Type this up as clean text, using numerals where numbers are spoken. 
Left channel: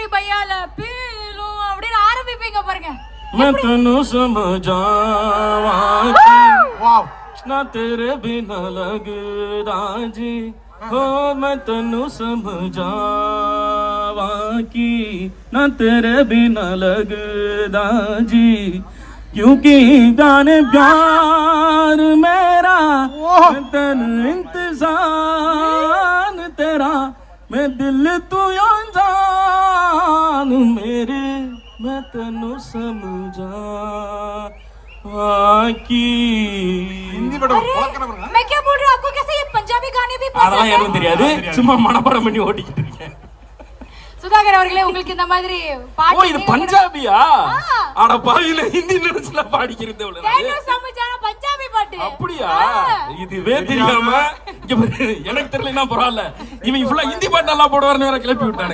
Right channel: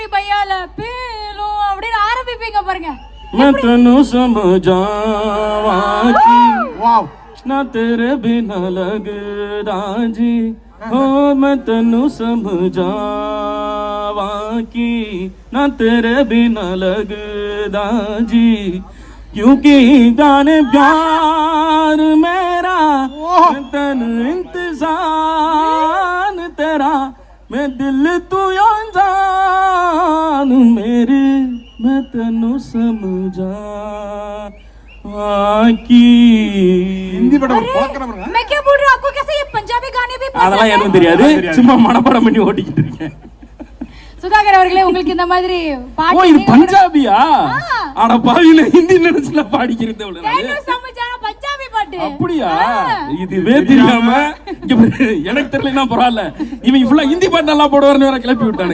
பூரி பையால பீலும் அப்படின்னு ஆரம்பிப்பீங்க பாருங்க. मैं तेनू समझावा कि वाह ना तेरे बिना लगदा जी हो मैं तेनू समझावा कि ना तेरे बिना लगदा जी क्योंकि जाने प्यार मेरा मैं तेन इंतजार तेरा मैं दिल तू जान मेरी मैं तेनू समझा की हिंदी पढ़ो मैं क्या बोल रहा हूँ, आपको कैसे ये पंजाबी गाने भी पसंद அதெல்லாம் है? எனக்கு தெரியாது, சும்மா மனப்பாடம் பண்ணி ஓட்டிக்கிட்டு இருக்கேன். சுதாகர் அவர்களே, உங்களுக்கு இந்த மாதிரி ஓ பாட்டு இது பஞ்சாபியா? அட பாவில ஹிந்தி நினைச்சுல பாடிக்கிறது அவ்வளவு तेनू समझाना पंजाबी பாட்டு. அப்படியா? இதுவே தெரியாம இங்க பாரு, எனக்கு தெரியலன்னா பரவாயில்ல, இவன் ஃபுல்லா ஹிந்தி பாட்டு நல்லா போடுவார்னு வேற கிளப்பி விட்டானே.